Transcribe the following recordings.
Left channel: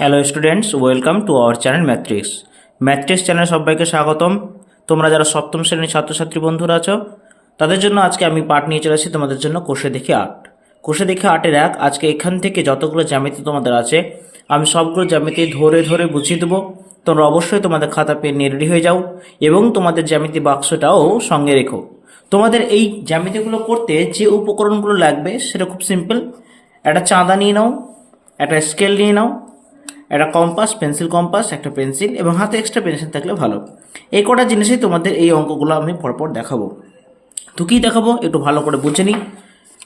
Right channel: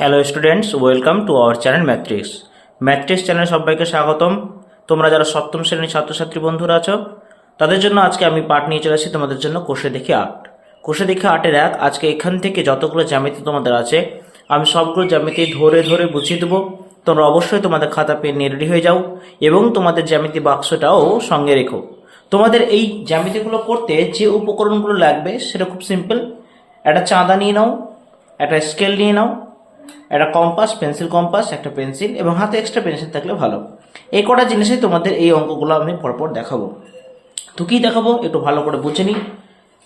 Hello students welcome to our channel Mathrix Mathrix channel সবাইকে স্বাগতম। তোমরা যারা সপ্তম শ্রেণির ছাত্রছাত্রী বন্ধুরা আছো, তাদের জন্য আজকে আমি পাঠ নিয়ে চলে আসি তোমাদের জন্য কোষে দেখে আট। কোষে দেখে আটের এক, আজকে এখান থেকে যতগুলো জ্যামিতি তোমাদের আছে, আমি সবগুলো জ্যামিতি ধরে ধরে বুঝিয়ে দেবো। তোমরা অবশ্যই তোমাদের খাতা পেন নিয়ে হয়ে যাও এবং তোমাদের জ্যামিতি বাক্সটাও সঙ্গে রেখো। তোমাদের এই জ্যামিতিগুলো করতে যে উপকরণগুলো লাগবে সেটা খুব সিম্পল একটা চাঁদা নিয়ে নাও, একটা স্কেল নিয়ে নাও একটা কম্পাস পেন্সিল কম্পাস একটা পেন্সিল এবং হাতে এক্সট্রা পেন্সিল থাকলে ভালো। এই কটা জিনিসই তোমাদের এই অঙ্কগুলো আমি পরপর দেখাবো। তো কী দেখাবো? একটু ভালো করে বুঝে নিই।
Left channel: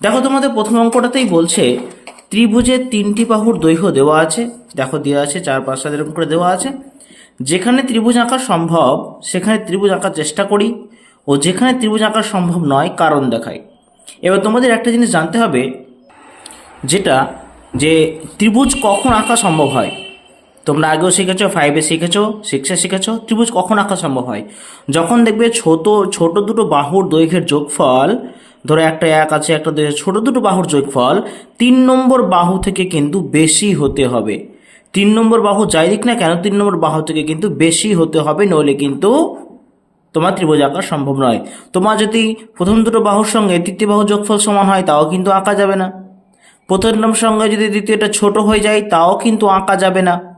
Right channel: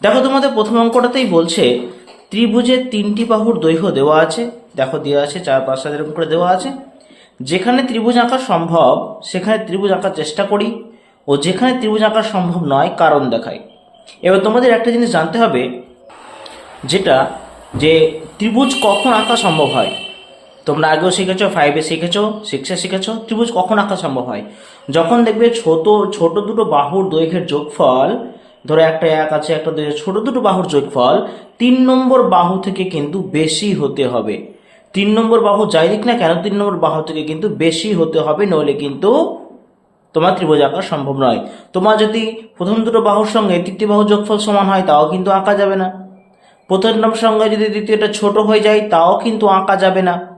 দেখো, তোমাদের প্রথম অঙ্কটাতেই বলছে, ত্রিভুজের তিনটি বাহুর দৈর্ঘ্য দেওয়া আছে। দেখো, দেওয়া আছে, চার, পাঁচ, সাত, এরকম করে দেওয়া আছে। যেখানে ত্রিভুজ আঁকা সম্ভব, সেখানে ত্রিভুজ আঁকার চেষ্টা করি ও যেখানে ত্রিভুজ আঁকা সম্ভব নয়, কারণ দেখাই। এবার তোমাদের একটা জিনিস জানতে হবে, যেটা যে ত্রিভুজ কখন আঁকা সম্ভব হয়? তোমরা আগেও শিখেছো ফাইভে শিখেছো সিক্সে শিখেছো, ত্রিভুজ কখন আঁকা সম্ভব হয়? যখন দেখবে ছোট ছোট দুটো বাহুর দৈর্ঘ্যের যোগফল, ধরো একটা এক আছে, একটা দুই ছোট দুটো বাহুর যোগফল, তিন নম্বর বাহু থেকে কিন্তু বেশি হতে হবে। তিন নম্বর বাহু যাই দিক না কেন, তিন নম্বর বাহু থেকে কিন্তু বেশি হতে হবে, নইলে কিন্তু তোমার ত্রিভুজ আঁকা সম্ভব নয়। তোমার যদি প্রথম দুটো বাহুর সঙ্গে তৃতীয় বাহু যোগফল সমান হয়, তাও কিন্তু আঁকা যাবে না। প্রথম সঙ্গে যদি দ্বিতীয়টা ছোট হয়ে যায়, তাও কিন্তু আঁকা যাবে না।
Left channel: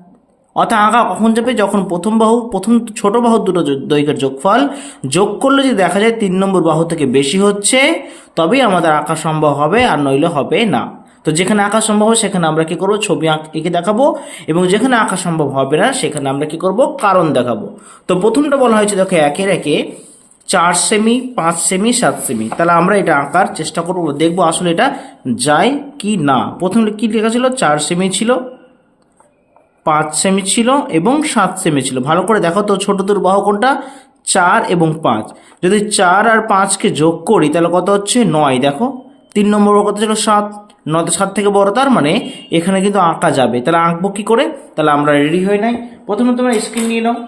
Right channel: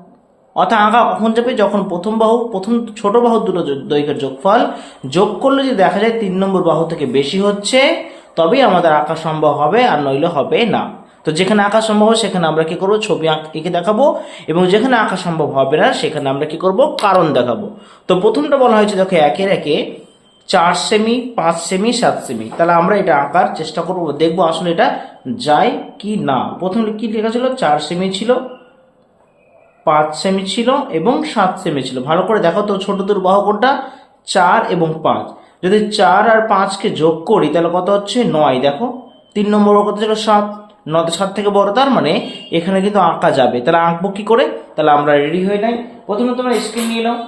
অর্থাৎ আঁকা কখন যাবে? যখন প্রথম বাহু, প্রথম ছোট বাহু দুটো দৈর্ঘ্যের যোগফল যোগ করলে যদি দেখা যায় তিন নম্বর বাহু থেকে বেশি হচ্ছে, তবেই আমাদের আঁকা সম্ভব হবে আর নইলে হবে না। তো যেখানে আঁকা সম্ভব হবে, সেখানে আমরা কি করব? ছবি এঁকে দেখাবো এবং যেখানে আঁকা সম্ভব হবে না, সেখানে আমরা কি করব? কারণ দেখাবো। তো প্রথমটা বলা হয়েছে, দেখো, একের একে চার সেমি, পাঁচ সেমি, সাত সেমি। তাহলে আমরা এটা আঁকার চেষ্টা করব। দেখব আসলে এটা যায় কি না। প্রথমে কি লেখা ছিল? চার সেমি ছিল। পাঁচ সেমি ছিল এবং সাত সেমি ছিল। ভালো করে দেখো তো ছোট দূর বাহু কোনটা? চার এবং পাঁচ। যদি চার আর পাঁচকে যোগ করি, তাহলে কত হচ্ছে? নয়। দেখো, তিন নম্বর কত ছিল? সাত। নয় সাত থেকে বড় তার মানে এখানে কিন্তু আঁকা যাবে। তাহলে আঁকবো কী করে? তাহলে আমরা রেডি হয়ে নাই। প্রথমে তোমরা স্কেল নিয়ে নাও।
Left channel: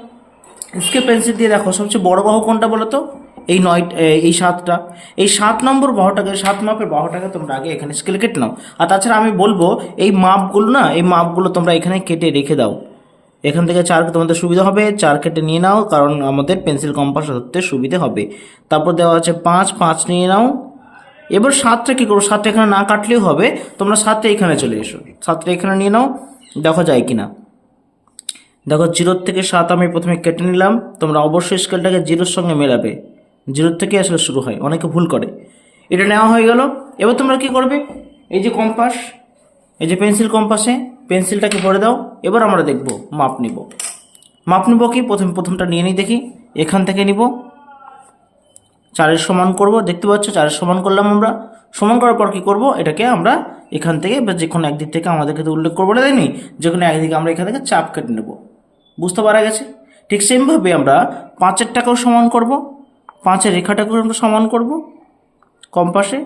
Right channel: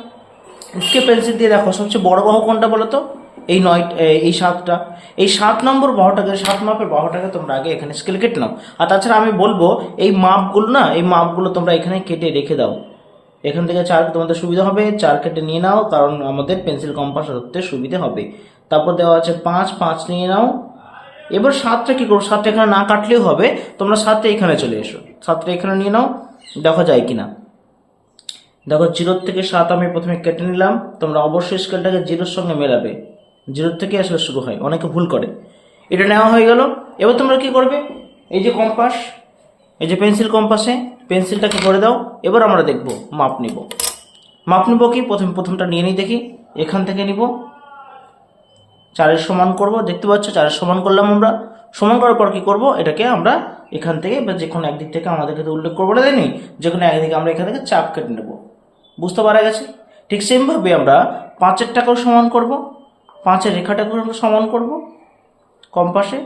স্কেল পেন্সিল দিয়ে দেখো, সবচেয়ে বড় বাহু কোনটা বলো তো? এই নয়, এই সাতটা। এই সাত নম্বর বাহুটাকে, সাত মাপের বাহুটাকে তোমরা আগে এখানে স্কেল কেটে নাও। আর তাছাড়া আমি বলব, এই মাপগুলো না, এই মাপগুলো তোমরা এখানে কেটে রেখে দাও। এখান থেকে চার তোমাদের সুবিধা হবে, চার কেটে নিয়ে নাও, কারণ আমাদের পেন্সিল কম্পাস ধরতে সুবিধা হবে। তারপর দেওয়া আছে পাঁচ পাঁচ নিয়ে নাও। এবার সাতটা কী করব? সাতটা এখানে না কাটলেও হবে। তোমরা সাতটা এখানে চলে এসো। সাতটা এখানে নিয়ে নাও, দেখা যায় কি না দেখো, জিরোর থেকে সাত আমি প্রথমে কেটে নিলাম। তোমরা অবশ্যই স্কেলটাকে জিরোর সঙ্গে মেলাবে। জিরোর থেকে আসলে শুরু হয়, অনেকে ভুল করে। এটা নেওয়া হয়ে গেল। এবার তোমরা কি করবে? এই যে কম্পাস, এই যে পেন্সিল কম্পাসে পেন্সিলটাকে ভরে দাও। এবার আমরা দেখব, মাপ নিব। মাপ নিব কি? প্রথম প্রথমটা নিয়ে নিই দেখি। এখান থেকে নিব। চারের সমান করব। দেখতে পাচ্ছ, চারের সমান করলাম আমরা। সমান করার পর কি করব? এটাকে আমরা এখান থেকে বা যে কোনো একদিক থেকে আমাদেরকে তো উল্লেখ করব দেয়নি যে কোনো একদিকে আমরা এখান থেকে চাপ কেটে নেব। বুঝতে পারা গেছে? ঠিক সেমভাবে আমরা পাঁচের টাকাও সমান করব। পাঁচের রেখাটাকেও আমরা সমান করব কম্পাসে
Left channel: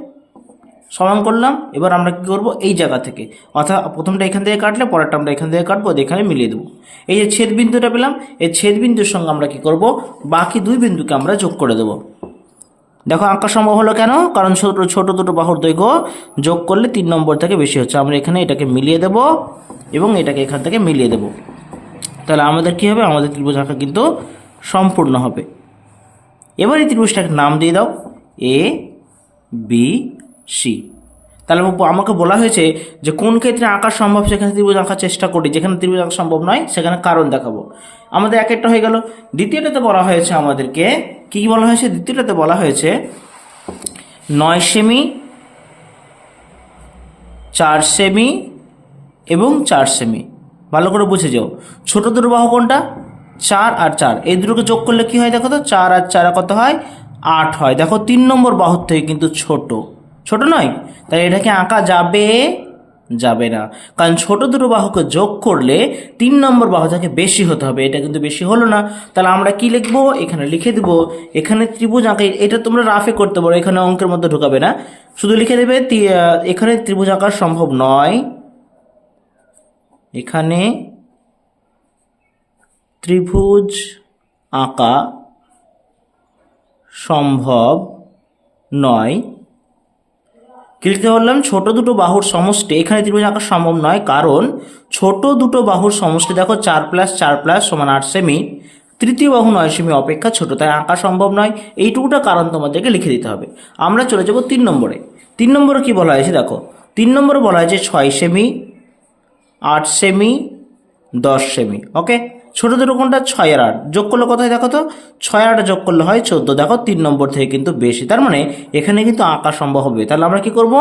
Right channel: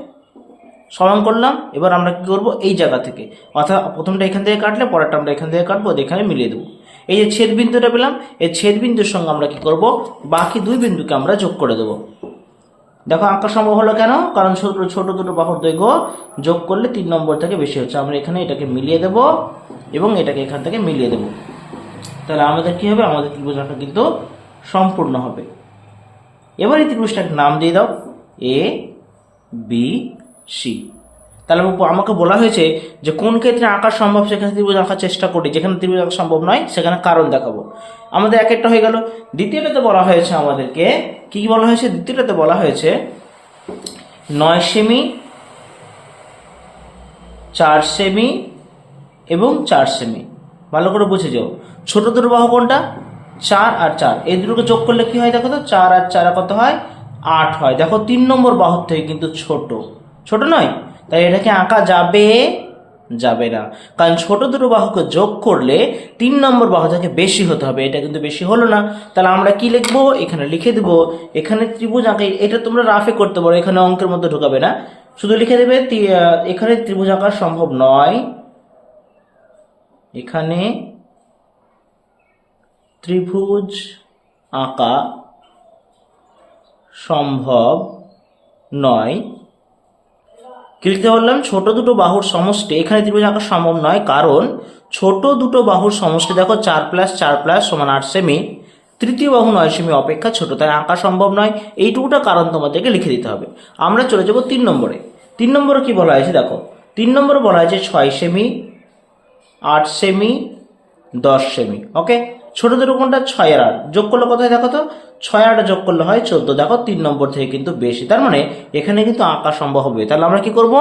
সমান করলাম, এবার আমরা কী করব এই জায়গা থেকে। অর্থাৎ প্রথমটা এখান থেকে কাটলে, পরেরটা আমরা এখান থেকে কাটবো এখানে মিলিয়ে দেবো। এই যে ছেদ বিন্দুটা পেলাম, এই ছেদ বিন্দুর সঙ্গে আমরা কি করব? বাকি দুই বিন্দুকে আমরা যোগ করে দেবো। দেখো আঁকা সম্ভব হলো কেন? কারণ ছোট ছোট দুটো বাহুর দৈর্ঘ্য যোগ করলে তিন নম্বর থেকে বেশি হচ্ছে। আমরা এখানে এটাকে মিলিয়ে দেব এবং এটাকে এখান থেকে মিলিয়ে দেব। তাহলে আমাদের কি হবে? আমাদের ত্রিভুজ আঁকা কিন্তু সম্পূর্ণ হবে। এবার এই ত্রিভুজটাকে নাম দিয়ে দাও এ বি সি তাহলে আমাকে বলা হয়েছে যে কোন ক্ষেত্রে আঁকা সম্ভব, সেখানে ত্রিভুজ আঁকার চেষ্টা করি। যেখানে ত্রিভুজ আঁকা সম্ভব নয়, সেখানে কারণ দেখাবো। আমাদের এক একটা হয়ে গেল। দ্বিতীয়টাতে বলা হয়েছে আমাদেরকে, কি বলা হয়েছে? দ্বিতীয়টাতে বলা হয়েছে নয় সেমি, চার সেমি এবং চার সেমি। ভালো করে বুঝে যাও। ছোট দুটো বাহু কোনটা? চার আর চার। এই দুটোকে যোগ করলে কি হয় দেখো তো? চার আর চার কত হয়? আট হয়। দেখো তিন নম্বর বাহুর থেকে কিন্তু ছোট। ছোট নয়? তাই এটাকে আঁকা যাবে? যাবে না। কারণ ছোট দুটো বাহুকে যোগ করলে তিন নম্বর বাহু থেকে বেশি হতে হবে, এটা কিন্তু বেশি হলো না। তাহলে আমরা কি লিখব? এখানে লিখে দেবো। এখানে ত্রিভুজ আঁকা। এটা তোমরা রাফে করতে পারো। এখানে অঙ্কের মধ্যে ঢোকাবে না। শুধু লিখে দেবে এখানে ত্রিভুজ আঁকা সম্ভব নয়। এখানে ত্রিভুজ আঁকা সম্ভব নয়। কি লিখতে বললাম, ছোট দুটো বাহুর সমষ্টি এখানে ত্রিভুজ আঁকা সম্ভব নয়, কারণ ছোট দুটো বাহুর সমষ্টি দেখো, চার প্লাস চার প্লাস সমান আট সেমি। তৃতীয় বাহু নয় সেমি অপেক্ষা ছোট, তাই আঁকা সম্ভব নয়। এইটুকুটা কারণ তোমাদেরকে লিখে দিতে হবে। আমরা চলে যাব তিন নম্বরে। তিন নম্বরে কি বলা হয়েছে দেখো, তিন নম্বরে বলা হয়েছে ছয় সেমি, আট সেমি, দশ সেমি, ওকে? ছোট দুটো কোনটা? ছয় আর আট। যোগ করলে কত দেখো তো? ছয় আর আটে যোগ করলে হয় চোদ্দ। দেখো তিন নম্বর থেকে কিন্তু বেশি। তার মানে এখানে কিন্তু আঁকা সম্ভব হবে। তাহলে আমরা কি করব?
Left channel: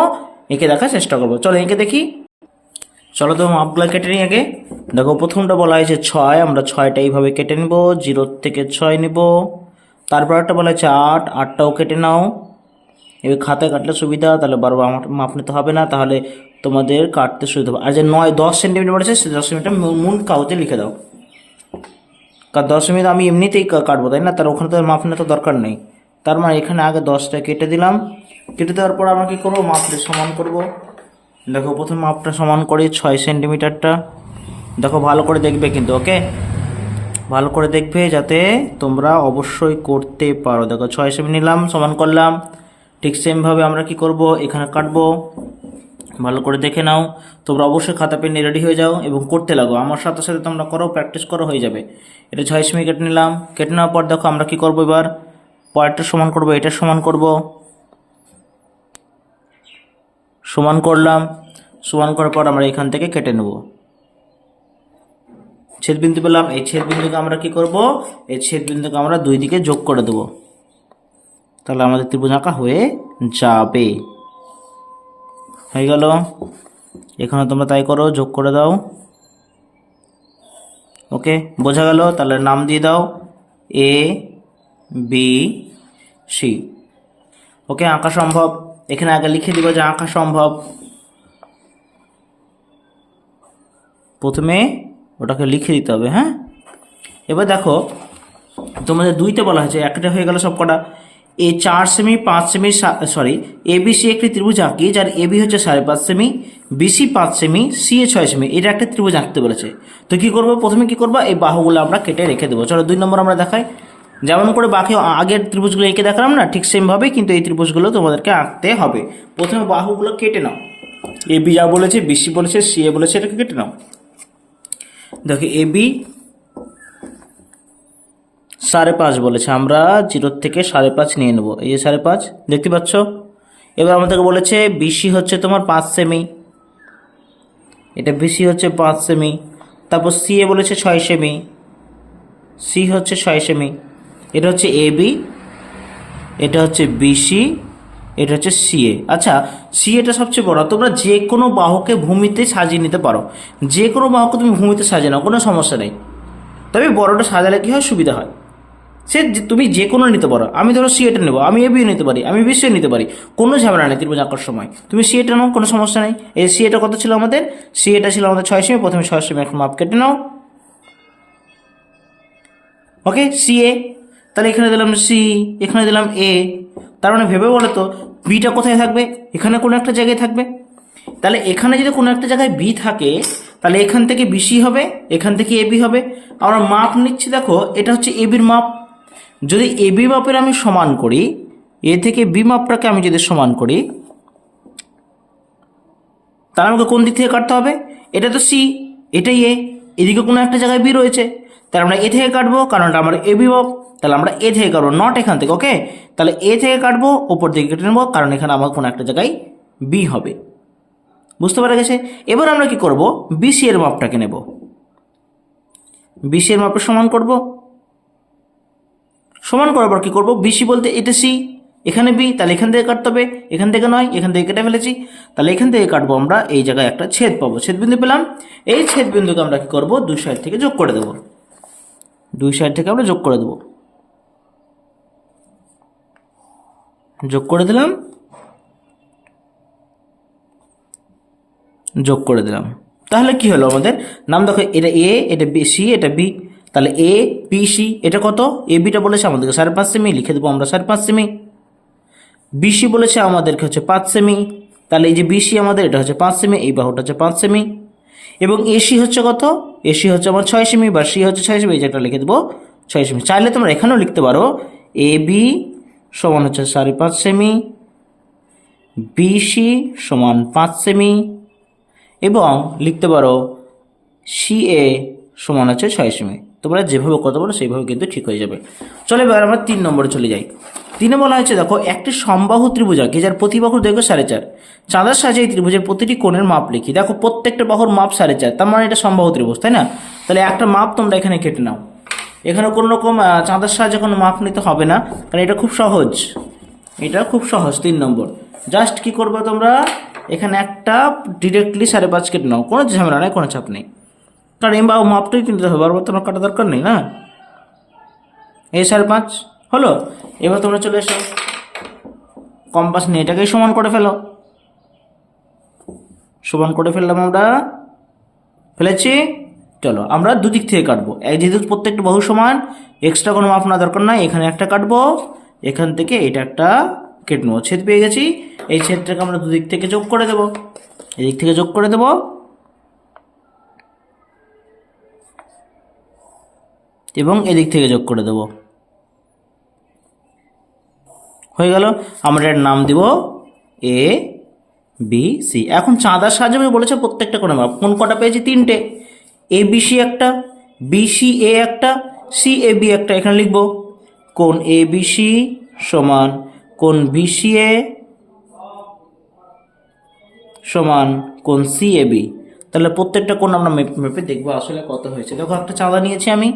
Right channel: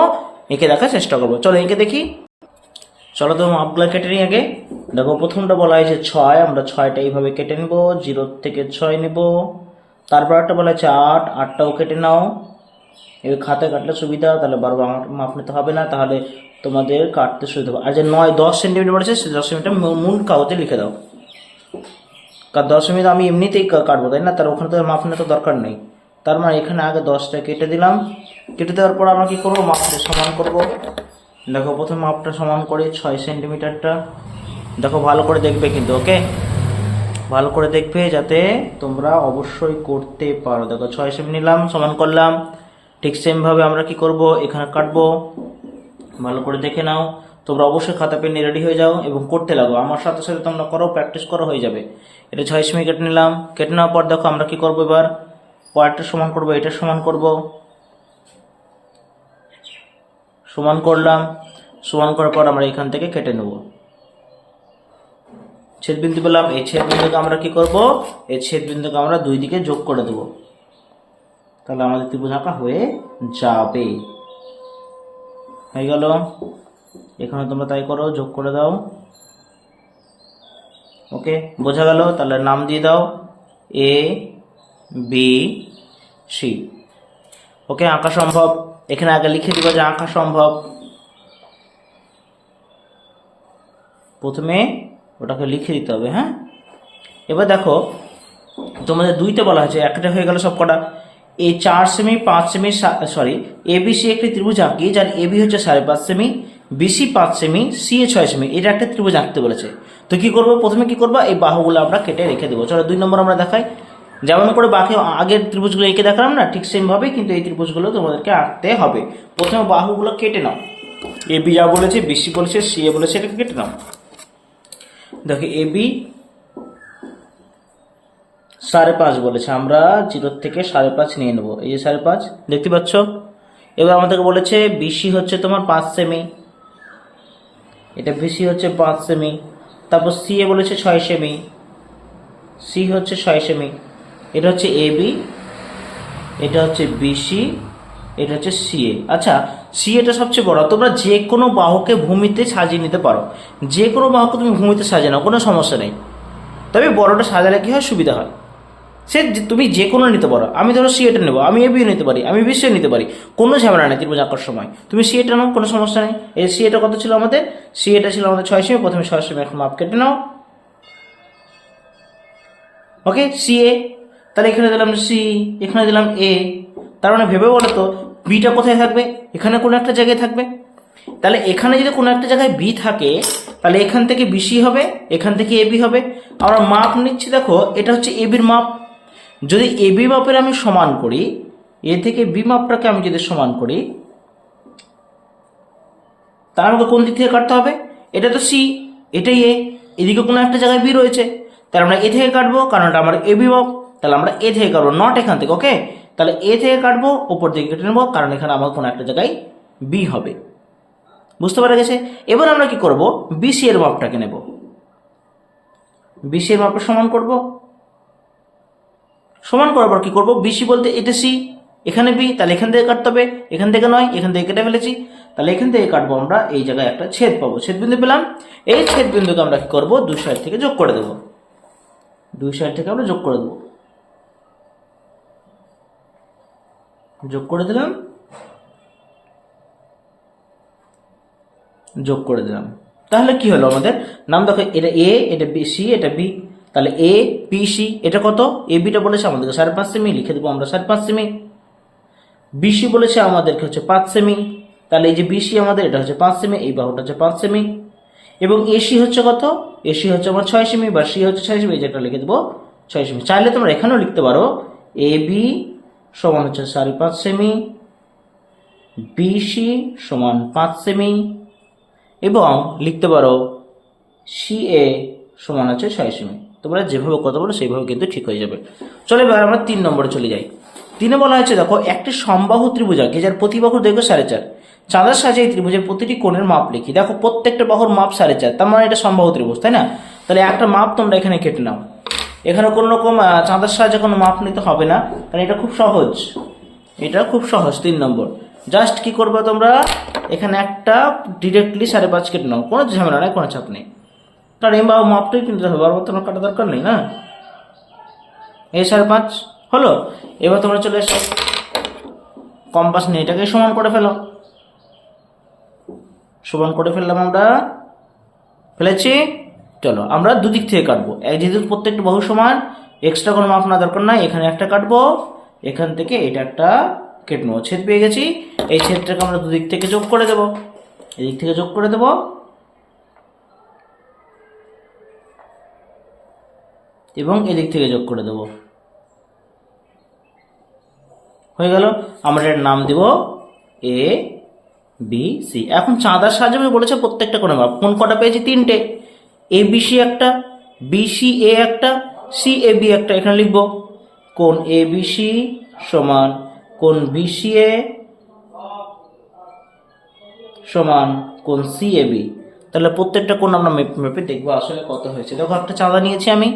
এঁকে দেখার চেষ্টা করব। চলো এঁকে দেখি। চলো তো মাপগুলো কেটে নিই আগে। দেখো প্রথমটা বলা হয়েছে ছয়। আমরা ছয়টা এইভাবে কেটে নিব। জিরো থেকে ছয় নিব। তারপর একটা বলা হয়েছে আট। আটটাও কেটে নাও। এবার খাতায় কাটলে সুবিধা। তাহলে বারবার আমার মাপ নিতে হবে না। তাহলে তোমাদের কাটতে সুবিধা হবে। আর যে নয়, দশ সেন্টিমিটার বলেছে, সে দশ সেন্টিমিটার মূল কাগজে লিখে দাও। কারণ সেন্টিমিটার আমি এমনিতেই কাটবো, তাই না? তার ওখানে তো মাপ তো দরকার নেই। তার মানে এখানে আগে দশটা কেটে দিলাম। কেটে দেওয়ার পর আমরা কী করব? মাপটা সমান করব। দেখো, প্রথম মাপটা সমান করে ছয় সেন্টিমিটারটা। দেখো, ভালো করে দেখবে কিন্তু, ওকে? ভালো করে দেখবে যাতে তোমরা অবশ্যই করতে পারো। দেখো, ছয় সেমি নিলাম, সমান করলাম। ঠিক সেমভাবে আমরা কি করব? এখানে কাটবো। ভালো করে দেখে নাও। তোমরা অবশ্যই খাতা পেন নিয়ে রেডি হয়ে যাও এবং করতে লাগো। আমার সাথে সাথে তোমরা করো প্র্যাকটিস করো, হয়ে যাবে। এটা ছয় সেমি কেটে নিলাম। কেটে নেওয়ার পর দেখো আমরা কি করব এবার? পরেরটা সমান করব, এটা সমান করব। সমান করলাম। সমান করার পর আমরা এখান থেকে কেটে নেব। ছেদ বিন্দু পেলাম। এই ছেদ বিন্দুকে আমরা কি করব? এই ছেদ বিন্দুকে আমরা দুই দিকে যোগ করে দেব। তাহলে আমাদের ত্রিভুজ আঁকা হয়ে যাবে। হয়ে গেল। এখানে তোমরা তাই করো, যোগ করে দাও। ওকে, বোঝা গেল? তাহলে নাম দিয়ে দাও। এ বি সি ওকে, আঁকা সম্ভব। এখানে আগে লিখে দিবে যে আঁকা সম্ভব। প্রথমে ওটাকে লিখে দিতে হবে হ্যাঁ? এবার দেখো, তোমাদের দুইতে বলা হয়েছে, একটা হয়ে গেল সব কটা এই চার সেমি পাঁচ সেমি সরি এবিসি একটি ত্রিভুজ আঁকি, যার এবি হচ্ছে সাড়ে পাঁচ সেমি বিসি পাঁচ সেমি সি এ ছয় সেমি এটা একটা ত্রিভুজ আঁকতে বলেছে। তো কি করব? প্রথমে কি করব? এই বাহুগুলো আমরা কেটে রেখে দেবো। চলো দুই নম্বর আমরা দেখাই। যেমন করে বাকি আগের ত্রিভুজগুলো এঁকে দেখালাম না, ঠিক সেমভাবেই কিন্তু এই ত্রিভুজগুলো তোমাদেরকে আঁকতে হবে। প্রথমে বাহুগুলো কেটে নাও। এ বি যা বলেছে বিসি বলেছে সি এ বলেছে, এটাকে কেটে নাও। দেখো এ বি সাড়ে পাঁচ বলেছে। আমরা জিরোর থেকে সাড়ে পাঁচ নিয়ে নেব। এই যে সাড়ে পাঁচ, দেখতে পাচ্ছ? এবার আমাদেরকে বলেছে বিসি হচ্ছে তোমার পাঁচ সেমি। এটা বিসি হচ্ছে পাঁচ সেমি। তারপর সি এ বলেছে ছয় সেমি। সি হচ্ছে ছয় সেমি। এটা হচ্ছে এ, বি। এটা হচ্ছে বিসি এটা হচ্ছে সিএ আচ্ছা সিএটা সবচেয়ে বড়। তোমরা যে কোনো বাহুকে ভূমিতে সাজিয়ে নিতে পারো। যে কোনো বাহুকে তুমি ভূমিতে সাজিয়ে নাও কোনো সমস্যা নেই। তবে বড়টা সাজালে কী হয়? সুবিধা হয়। সে তুমি যে কোনো নিতে পারো। আমি ধরো সিএটা নেব, আমি এবিও নিতে পারি, আমি বিসিও নিতে পারি, কোনো ঝামেলা নেই ত্রিভুজ আঁকার সময়। তুমি সিএটা নাও, কোনো সমস্যা নেই। এই সিএটা কত ছিল আমাদের? সিএটা ছিল আমাদের ছয় সেমি, প্রথমে ছয় সেমি এখন মাপ কেটে নাও। ওকে সি এ তাহলে এখানে দিলাম সি এখানে দিলাম এ তার মানে ভেবে বলো তো বিটা কোথায় থাকবে? এখানে কোনো একটা জায়গায় থাকবে। তাহলে এখানে যদি কোনো একটা জায়গায় বি থাকে, তাহলে এখান থেকে বিসি হবে, এখান থেকে এবি হবে। আমরা মাপ নিচ্ছি দেখো, এটা হচ্ছে এবির মাপ। যদি এবি মাপের আমি সমান করি, এ থেকে বি মাপটাকে আমি যদি সমান করি, তার আমাকে কোন দিক থেকে কাটতে হবে? এটা তো সি, এটাই এ, এদিকে কোনো একটা জায়গায় বি রয়েছে। তাহলে আমরা এ থেকে কাটবো, কারণ এটা আমার এ বিভব তাহলে আমরা এ থেকে কাটবো নট এখান থেকে ওকে তাহলে এ থেকে কাটবো ওপর দিকে কেটে নেব, কারণ এখানে আমার কোনো একটা জায়গায় বি হবে। বুঝতে পারা গেছে? এবার আমরা কি করব? বিসি এর মাপটাকে নেব। বিসি এর মাপের সমান করব? সমান করার পর কি করব? বিসি বলতে এটা সি এখানে বি তাহলে এখান থেকে কাটতে হবে, এখান থেকে নয়, এখান থেকে কেটে ফেলেছি। তাহলে এখান থেকে কাটবো আমরা, এই জায়গায় একটা ছেদ পাবো ছেদ বিন্দু পেলাম। এই ছেদ বিন্দুকে আমরা কি করব? দুই সাইড থেকে যোগ করে দেবো। দুই সাইড থেকে আমরা যোগ করে দেবো। যোগ করে দিলাম। যোগ করে দিলাম। তাহলে কি হলো আমাদের? নাম দেখো, এটা এ এটা বি সি এটা বি তাহলে এ বি সি এটা কত? এ বিটা বলেছে আমাদেরকে সাড়ে পাঁচ সেমি, লিখে দেবো আমরা সাড়ে পাঁচ সেমি। বিসি বলেছে আমাদেরকে হচ্ছে পাঁচ সেমি। তাহলে এই যে বিসি আমাদের, এটা হচ্ছে পাঁচ সেমি, এই বাহুটা হচ্ছে পাঁচ সেমি। এবং এসি হচ্ছে কত? এসি হচ্ছে আমার ছয় সেমি, বা সি হচ্ছে ছয় সেমি, এই যেটা লিখে দেবো, ছয় সেমি। চাইলে তোমরা এখানেও লিখতে পারো এ বি সমান হচ্ছে সাড়ে পাঁচ সেমি বিসি সমান পাঁচ সেমি। এবং লিখতে পারো সি এ সমান হচ্ছে ছয় সেমি। তোমরা যেভাবে কথা বলো, সেইভাবে কিন্তু ঠিক হয়ে যাবে। চলো এবার আমরা তিন নম্বরে চলে যাই। তিনে বলা হয়েছে, দেখো, একটি সমবাহু ত্রিভুজাকে যার প্রতিবাহু দৈর্ঘ্য সাড়ে চার? চাঁদার সাহায্যে এই ত্রিভুজের প্রতিটি কোণের মাপ লিখি। দেখো, প্রত্যেকটা বাহুর মাপ সাড়ে চার, তার মানে এটা সমবাহু ত্রিভুজ, তাই না? তাহলে একটা মাপ তোমরা এখানে কেটে নাও। এখানে কোনো রকম চাঁদার সাহায্যে কোনো মাপ নিতে হবে না, কারণ এটা খুব সহজ। এটা খুব সহজ, তিন নম্বর। জাস্ট কি করবে তোমরা? এখানে একটা ডিরেক্টলি সাড়ে পাঁচ কেটে নাও, কোনো ঝামেলা নেই, কোনো চাপ নেই। কারণ এই বাবু মাপটাই কিনতে হবে বারবার তোমার কাটা দরকার নেই না এই সাড়ে পাঁচ হলো এবার তোমরা চলে এসো কম্পাস নিয়ে এটাকেই সমান করে ফেলো সমান করে ফেললাম আমরা ফেলেছি চলো আমরা দুদিক থেকে কাটবো যেহেতু প্রত্যেকটা বহু সমান এক্সট্রা কোনো মাপ না দরকার নাই এখানে একটা কাটবো এখান থেকে এটা একটা কেটে নেব ছেদ পেয়ে গেছি এই ছেদটাকে আমরা দুদিক থেকে যোগ করে দেবো এদিক থেকে যোগ করে দেবো এবং এদিক থেকে যোগ করে দেবো। হয়ে গেল, আমরা এর নাম দেব এ বি সি এখন চাঁদার সাহায্যে আমি বলেছে প্রত্যেকটা কোনো মাপ কোন কটা পেয়েছি? তিনটে। এ বি সি একটা বি সি এ একটা সি এ বি একটা। এখানে লিখব, কোন এ বি সি সমান, কোন বি সি এ সমান, কোন সি এ বি তাহলে প্রত্যেকটা কোন আমরা মেপে মেপে দেখব আসলে কত হয়েছে। দেখো, একটা চাঁদা নিয়েছি আমি।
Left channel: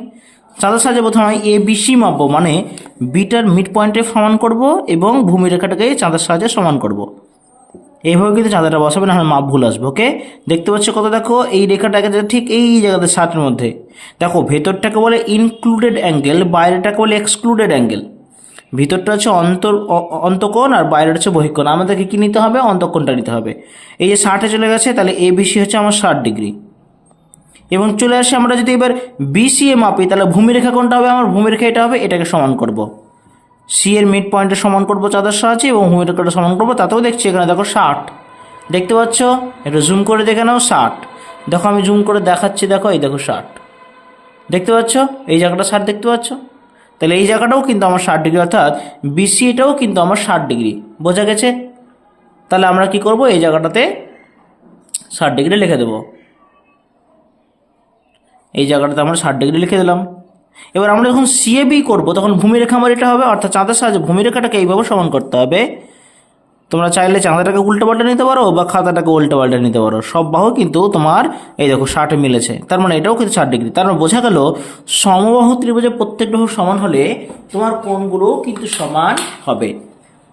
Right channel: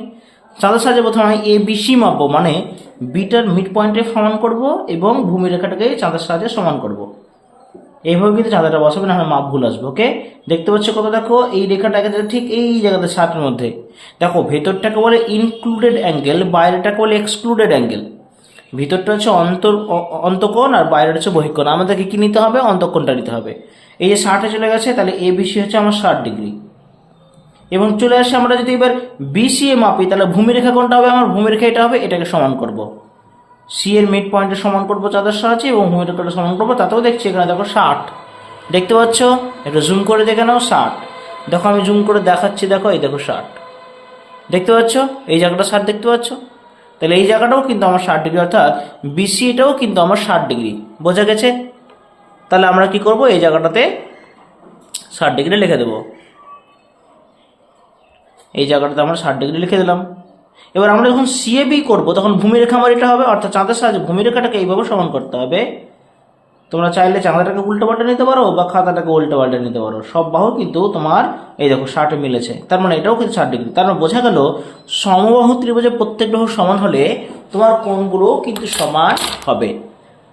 চাঁদার সাহায্যে প্রথমে এ, বি, সি মাপবো মানে বিটার মিড পয়েন্টে সমান করব এবং ভূমি রেখাটাকে চাঁদার সাহায্যে সমান করব। এইভাবে কিন্তু চাঁদাটা বসাবে না মাপ ভুল আসবে, ওকে? দেখতে পাচ্ছ কত দেখো, এই রেখাটাকে ঠিক এই জায়গাতে ষাটের মধ্যে। দেখো, ভেতরটাকে বলে ইনক্লুডেড অ্যাঙ্গেল বাইরেটাকে বলে এক্সক্লুডেড অ্যাঙ্গেল ভিতরটা হচ্ছে অন্তর অন্তকোণ আর বাইরেটা হচ্ছে বহিকোণ। আমাদেরকে কী নিতে হবে? অন্তকোণটা নিতে হবে। এই যে ষাটে চলে গেছে, তাহলে এ বিসি হচ্ছে আমার ষাট ডিগ্রি। এবং চলে আসে আমরা যদি এবার বিসিএ মাপি, তাহলে ভূমিরেখা কোনটা হবে? আমার ভূমিরেখা এটা হবে, এটাকে সমান করব। সি এর মিড পয়েন্টে সমান করব চাঁদার সাহায্যে এবং ভূমিরেখাটা সমান করব, তাতেও দেখছি এখানে দেখো ষাট। দেখতে পাচ্ছ? একটু জুম করে দেখে নাও, ষাট। দেখো, আমি জুম করে দেখাচ্ছি, দেখো, এই দেখো ষাট। দেখতে পাচ্ছ? এই জায়গাটা ষাট দেখতে পাচ্ছ? তাহলে এই জায়গাটাও কিন্তু আমার ষাট ডিগ্রি, অর্থাৎ বিসিটাও কিন্তু আমার ষাট ডিগ্রি। বোঝা গেছে? তাহলে আমরা কি করব? এই জায়গাটাতে ষাট ডিগ্রি লিখে দেবো। এই জায়গাটাতে আমরা ষাট ডিগ্রি লিখে দিলাম। এবার আমরা যখন সিএবি করব, তখন ভূমিরেখা আমার এটা হবে, অর্থাৎ চাঁদের সাহায্যে ভূমিরেখাটাকে এইভাবে সমান করতে হবে। তোমরা চাইলে চাঁদাটাকে উল্টো পাল্টে নিতে পারো, বা খাতাটাকে উল্টো পাল্টে নিতে পারো। সব বাহু কিন্তু তোমার, এই দেখো, ষাটে মিলেছে। তার মানে এটাও কিন্তু ষাট ডিগ্রি। তার মানে বোঝা গেল, সমবাহু ত্রিভুজের প্রত্যেক বাহু সমান হলে তোমার কোণগুলো কিন্তু সমান হবে।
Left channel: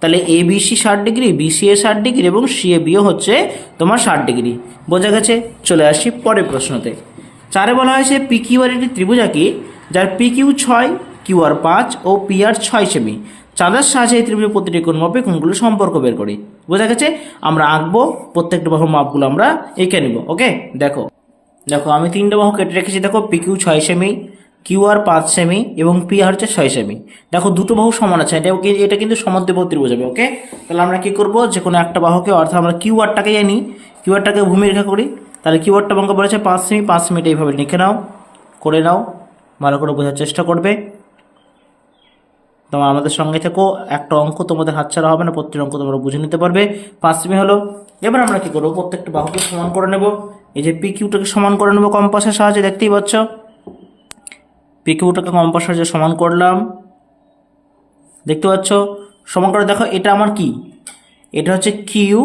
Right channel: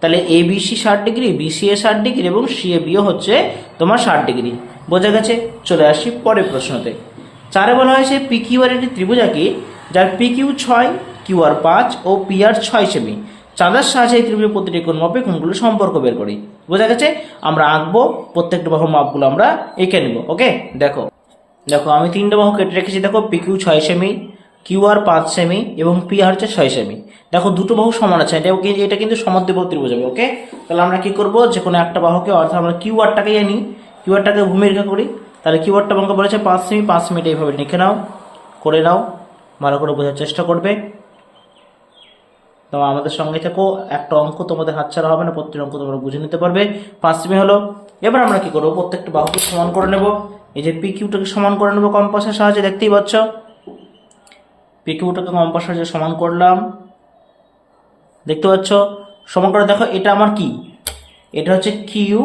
তাহলে এ বিসি ষাট ডিগ্রি বিসি এ ষাট ডিগ্রি, এবং সি এ বিও হচ্ছে তোমার ষাট ডিগ্রি। বোঝা গেছে? চলে আসি পরের প্রশ্নতে। চারে বলা হয়েছে পি একটি ত্রিভুজ আঁকি যার পি কিউ ছয় কিউ আর পাঁচ ও পি আর ছয় সেমি। চাঁদার সাহায্যে এই ত্রিভুজের প্রতিটি কোণ মাপে কোণগুলো সম্পর্ক বের করি। বোঝা গেছে? আমরা আঁকবো, প্রত্যেকটা বাহুর মাপগুলো আমরা এঁকে নেব, ওকে? দেখো। দেখো, আমি তিনটে বাহু কেটে রেখেছি, দেখো পি কিউ ছয় সেমি কিউ আর পাঁচ সেমি এবং পি আর হচ্ছে ছয় সেমি। দেখো, দুটো বাহু সমান আছে, এটা এটা কিন্তু সমদ্বিবাহু ত্রিভুজ হবে, ওকে? তাহলে আমরা কি করব? যে কোনো একটা বাহুকে, অর্থাৎ আমরা কিউ আরটাকে জানি কিউ আরটাকে ভূমিরেখা করি তাহলে আরটা অঙ্ক বলেছে পাঁচ সেমি পাঁচ সেমিটা এইভাবে লিখে নাও, করে নাও, ভালো করে বোঝার চেষ্টা করবে। তোমরা আমাদের সঙ্গে থেকো, একটা অঙ্ক তোমাদের হাতছাড়া হবে না প্রত্যেক অঙ্ক তোমরা বুঝে নিতে পারবে। পাঁচ সেমি হলো, এবার আমরা কী করব? প্রত্যেকটা বাহুকে সমান করে নেব। এই যে পি কিউটাকে সমান করে নেব কম্পাসের সাহায্যে, দেখতেই পাচ্ছ? পি কিউটাকে কম্পাসের সাহায্যে সমান করলাম। দেখতে পাচ্ছ? সমান করে দেখো, এটা আমার কি? এটা হচ্ছে কিউ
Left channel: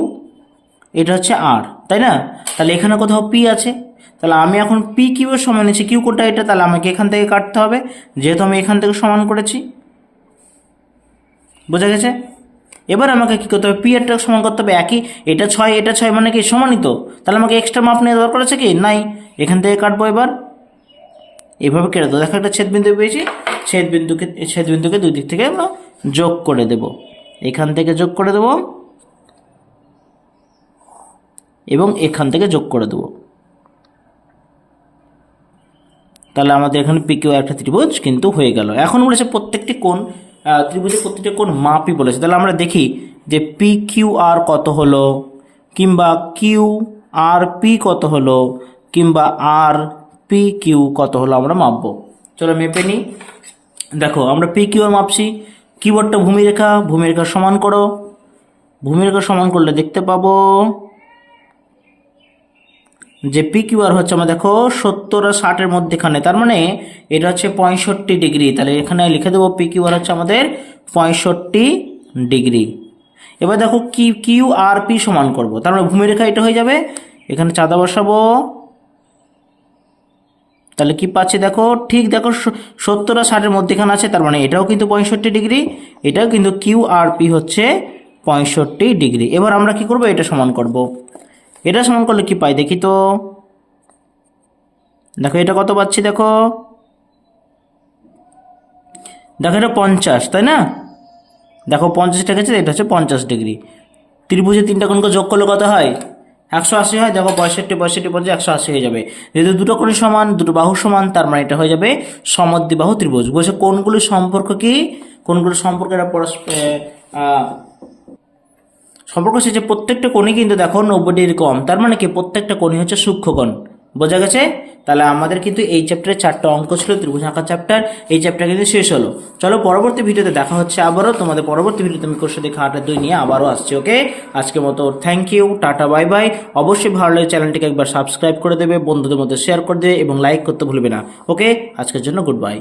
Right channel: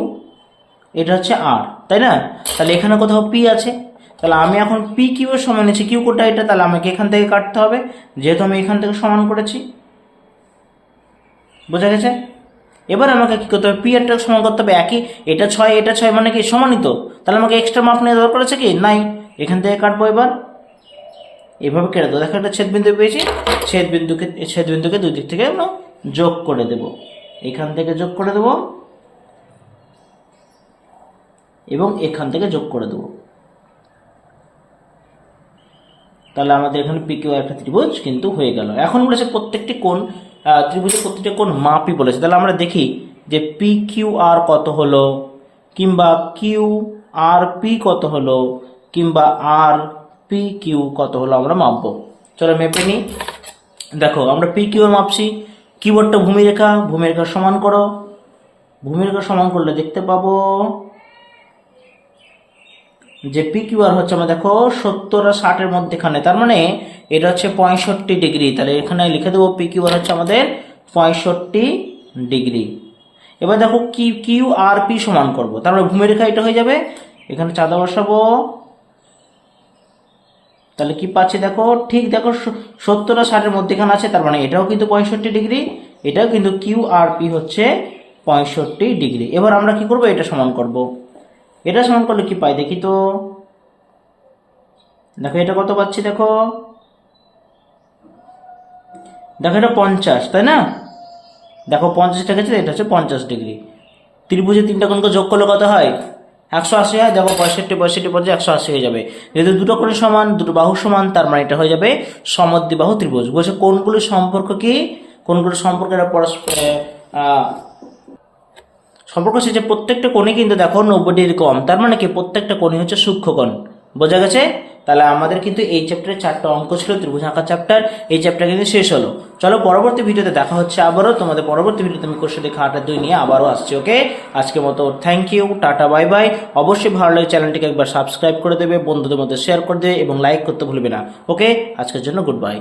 এটা হচ্ছে আর তাই না? তাহলে এখানে কোথাও পি আছে। তাহলে আমি এখন পি কিউ এর সমান নিচ্ছি কিউ কোনটা এটা? তাহলে আমাকে এখান থেকে কাটতে হবে। যেহেতু আমি এখান থেকে সমান করেছি। বোঝা গেছে? এবার আমাকে কি করতে হবে? পি এরটা সমান করতে হবে। একই? এটা ছয় এটা ছয় মানে কি? সমানই তো। তাহলে আমাকে এক্সট্রা মাপ নেওয়া দরকার আছে কি? নাই। এখান থেকে কাটবো এবার। এভাবে কেটে দেবো দেখো একটা ছেদ বিন্দু পেয়েছি। ছেদ বিন্দুকে ছেদ বিন্দুকে দুই দিক থেকে আমরা যোগ করে দেব। এখান থেকে যোগ করে দেব। এবং এখান থেকে যোগ করে দেবো। তাহলে আমাদের এখানে পিকিউ একটা ত্রিভুজ কিন্তু হয়ে গেল। এখন বলেছে প্রত্যেকটি আহ, ত্রিভুজের প্রত্যেকটি কোণ মাপই বলেছে তাহলে আমরা দেখি যে পি কিউ আর কত হলো কিংবা কিউ আর পি কত হলো কিংবা আর পি কিউ কত হলো আমরা মাপবো। চলো মেপে নিই। দেখো আমরা পি কিউ মাপছি। কিবোর্ডটা ভূমিরেখা ভূমিরেখা সমান করো। ভূমিরেখা সমান করলে দেখতে পাবো যে পি কিউ আর হচ্ছে আমরা দেখো সত্তর আর ষাটের মধ্যেখানে। তার মানে এটা হচ্ছে পঁয়ষট্টি ডিগ্রি। তাহলে এখানে লিখে দেবো পি কিউ আর হচ্ছে আমাদের পঁয়ষট্টি ডিগ্রি। এবার দেখো কি কিউ আর পি সমান করব। তার মানে ভূমিরেখা এটা হয়ে যাবে। এখানে চাঁদা বসাবো। তাহলে কি পাচ্ছি দেখো? ঠিক দেখো সত্তর আর ষাটের মধ্যেখানে আছে। তার মানে এটাও কিন্তু পঁয়ষট্টি ডিগ্রি। এটাও কিন্তু কিউ আর পি হচ্ছে পঁয়ষট্টি ডিগ্রি। এবার আমরা কি করব? এটা সমান করব। এটা সমান করলে কি পাই? দেখি তো। দেখো, এটা কত পাচ্ছি দেখো? দেখো, এটা পঞ্চাশ, তাই না? দেখো, পঞ্চাশ টাকা এটা হচ্ছে পঞ্চাশ ডিগ্রি। ত্রিভুজে তিনটা কোণকে যোগ করলে কত হয়? একশো আশি হয়, দেখো, পঁয়ষট্টি পঁয়ষট্টি পঞ্চাশ একশো আশি হয়ে যাবে। যেহেতু দুটো কোণ সমান, দুটো বাহু সমান, তার মানে এটা হয়ে যাবে সমদ্বিবাহু ত্রিভুজ। বলছে কোনগুলির সম্পর্ক কি? কোনগুলির সম্পর্ক পরস্পর সম্পর্ক যে প্রত্যেকটা কোণে কিন্তু দেখো নব্বই ডিগ্রি কম। তার মানে কি? প্রত্যেকটা কোণই হচ্ছে সূক্ষ্মকোণ বোঝা গেছে? তাহলে আমাদের কিন্তু এই চ্যাপ্টারে চারটা অঙ্ক ছিল, ত্রিভুজ আঁকা চ্যাপ্টার এই চ্যাপ্টার কিন্তু শেষ হলো। চলো পরবর্তী ভিডিওতে দেখা হচ্ছে আবারও। তোমাদের পরবর্তী ভিডিওতে আমি কোর্সে দেখা আটা দুই নিয়ে আবারও আসছি, ওকে? আজকের মতো thank you tata bye bye অবশ্যই ভালো লাগে চ্যানেলটিকে একবার সাবস্ক্রাইব করে দেবে, বন্ধুদের মধ্যে শেয়ার করে দেবে এবং লাইক করতে ভুলবে না, ওকে? আজকের জন্য গুড বাই